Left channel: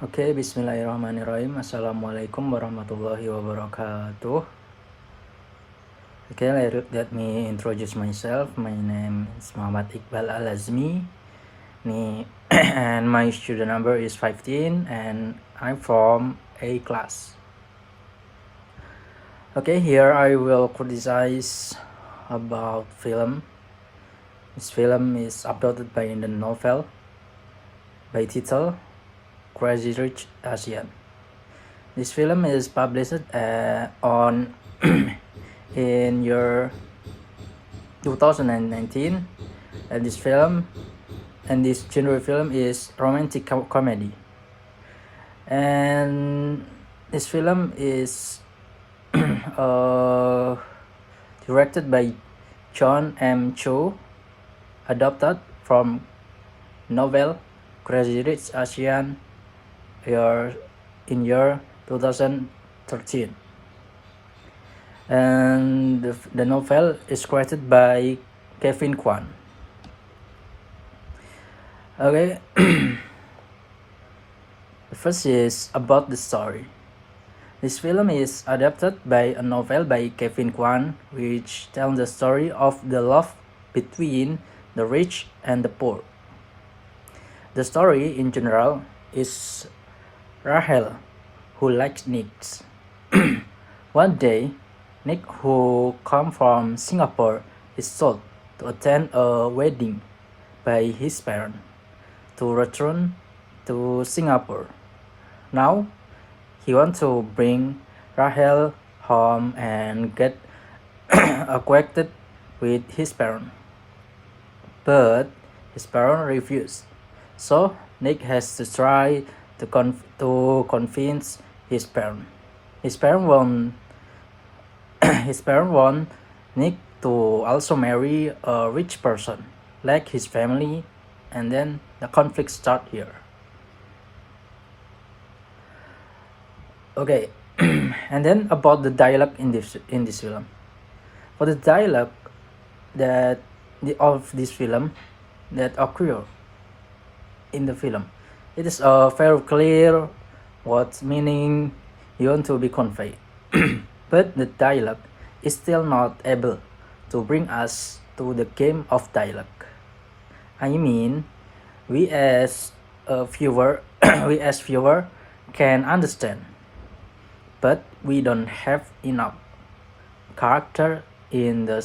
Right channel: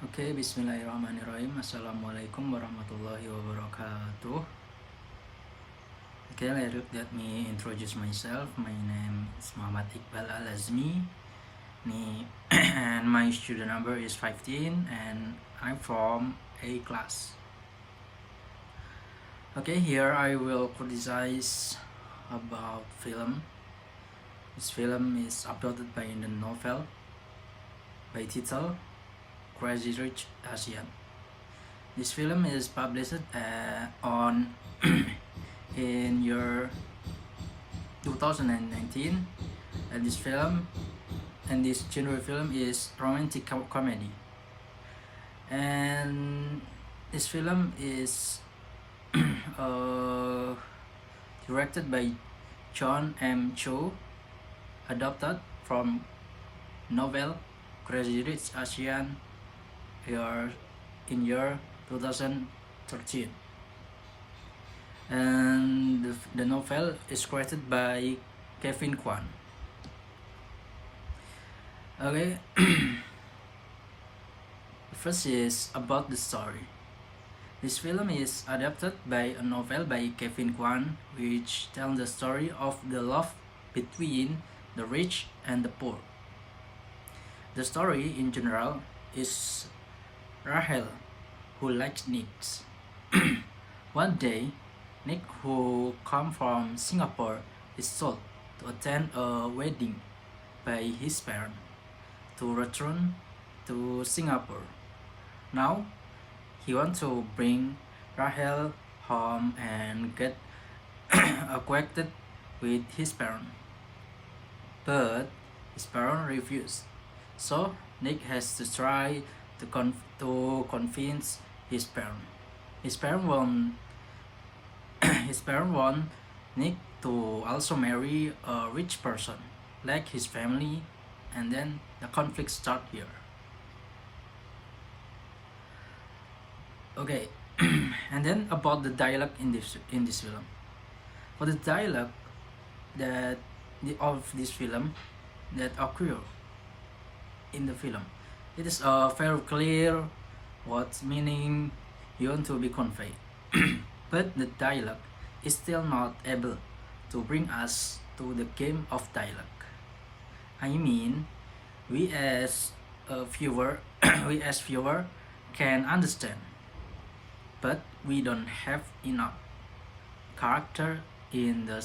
Oke, bismillahirrahmanirrahim. Assalamualaikum warahmatullahi wabarakatuh. Okay, let me introduce myself. My name is Muhammad Iqbal Al-Azmi. And my student number is 15 and I'm from A class. Okay, here I will criticize about film. This film is uploaded by the novel by title Crazy Rich Asian. This film is published on in year 2019, and this genre film is romantic comedy, and this film is directed by John M. Cho, adapted from novel Crazy Rich Asian in year 2013, and the novel is created by Kevin Kwan. Okay. The first is about the story. This film is adapted by a novel by Kevin Kwan, which tells the story of the love between the rich and the poor. The story in general is Rahel, who likes Nick. One day, Nick, who comes from Singapore, is told to attend a wedding by his parents to return to Singapore. Now, he wants to bring Rahel home and get acquainted with his parents, but his parents refuse. So Nick has to try to convince his parents. His parents want Nick to also marry a rich person like his family, and then the conflict starts here. Okay. And then about the dialogue in this film. For the dialogue of this film that occur in the film, it is very clear what meaning you want to be conveyed. But the dialogue is still not able to bring us to the game of dialogue. I mean, we as a viewer can understand, but we don't have enough character in the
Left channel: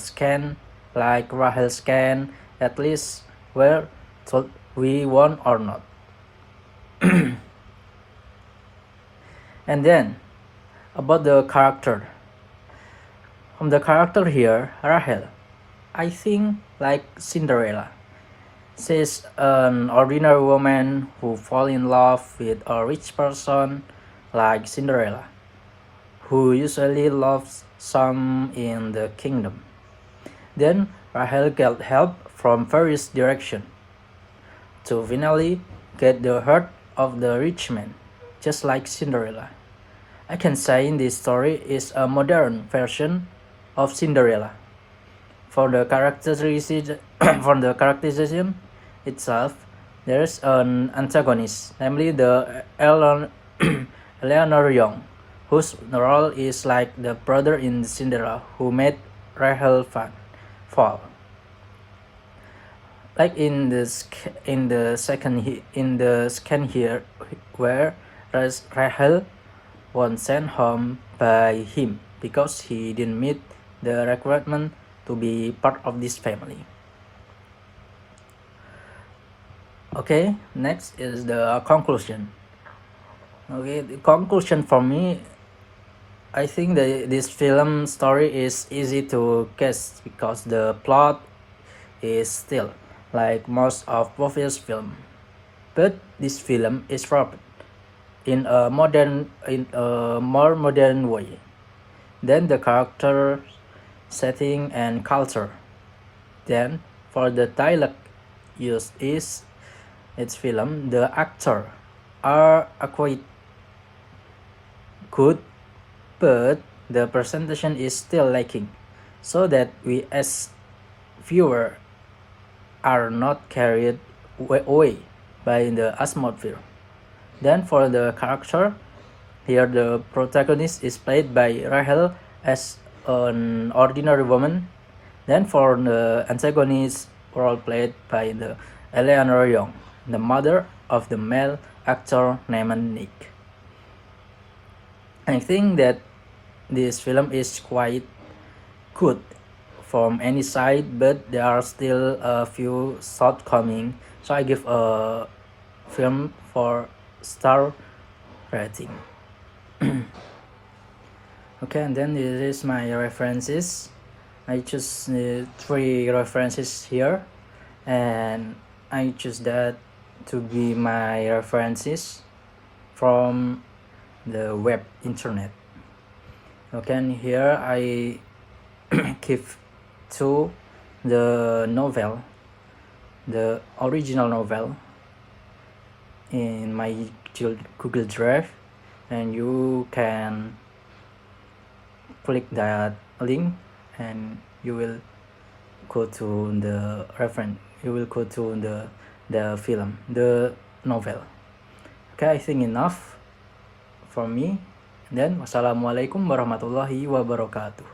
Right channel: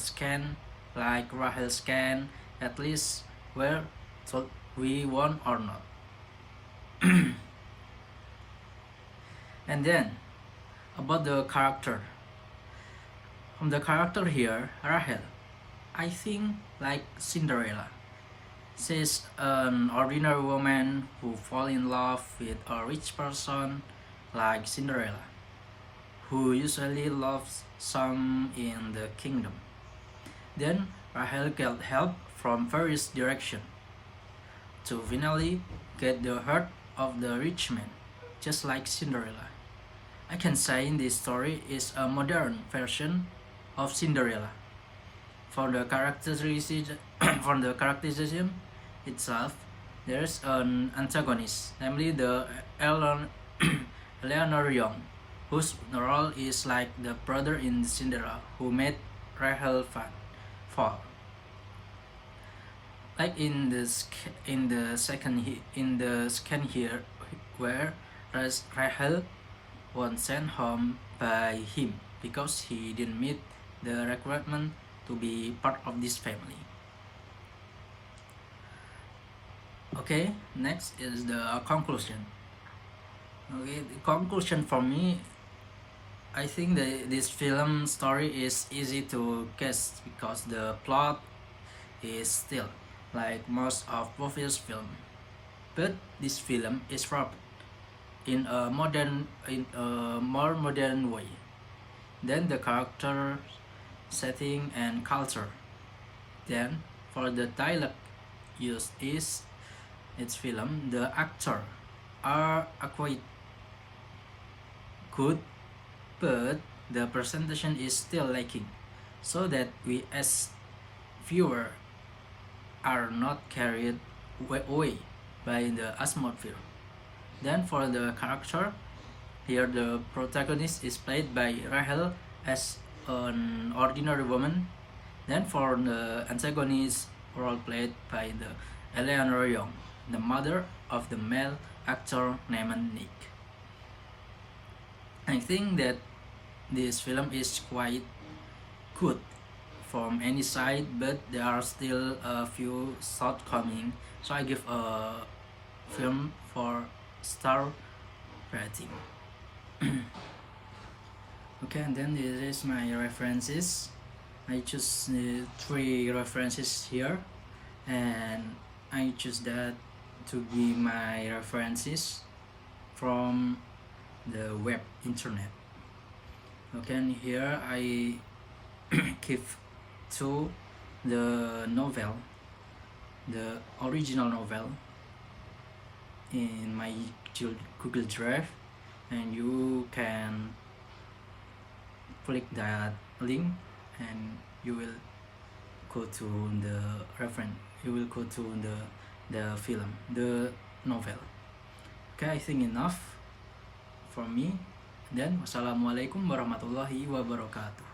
scan like Rahel scan, at least where we want or not. And then about the character. From the character here, Rahel, I think like Cinderella. She's an ordinary woman who falls in love with a rich person like Cinderella, who usually loves some in the kingdom. Then Rahel gets help from various directions to finally get the heart of the rich man, just like Cinderella. I can say this story is a modern version of Cinderella. For the characterization itself, there is an antagonist, namely the Eleanor Young, whose role is like the brother in Cinderella who made Rahel fall. Like in the scan here, where Rahel was sent home by him because he didn't meet the requirement to be part of this family. Okay, next is the conclusion. Okay, the conclusion for me, I think this film story is easy to guess because the plot is still like most of previous film, but this film is wrapped in a more modern way than the character, setting, and culture. Then for the dialogue used is its film, the actor are quite good, but the presentation is still lacking, so that we as viewer are not carried away by the atmosphere. Then for the character, here the protagonist is played by Rahel as an ordinary woman. Then for the antagonist, role played by the Eleanor Young, the mother of the male actor named Nick. I think that this film is quite good from any side, but there are still a few shortcomings. So I give a film for star rating. Okay, and then this is my references. I choose 3 references here, and I choose that to be my references from the web internet. Okay, and here I give to the novel, the original novel, in my Google Drive, and you can click that link and you will go to the reference, you will go to the film, the novel. Okay, I think enough for me. And then wassalamualaikum warahmatullahi wabarakatuh.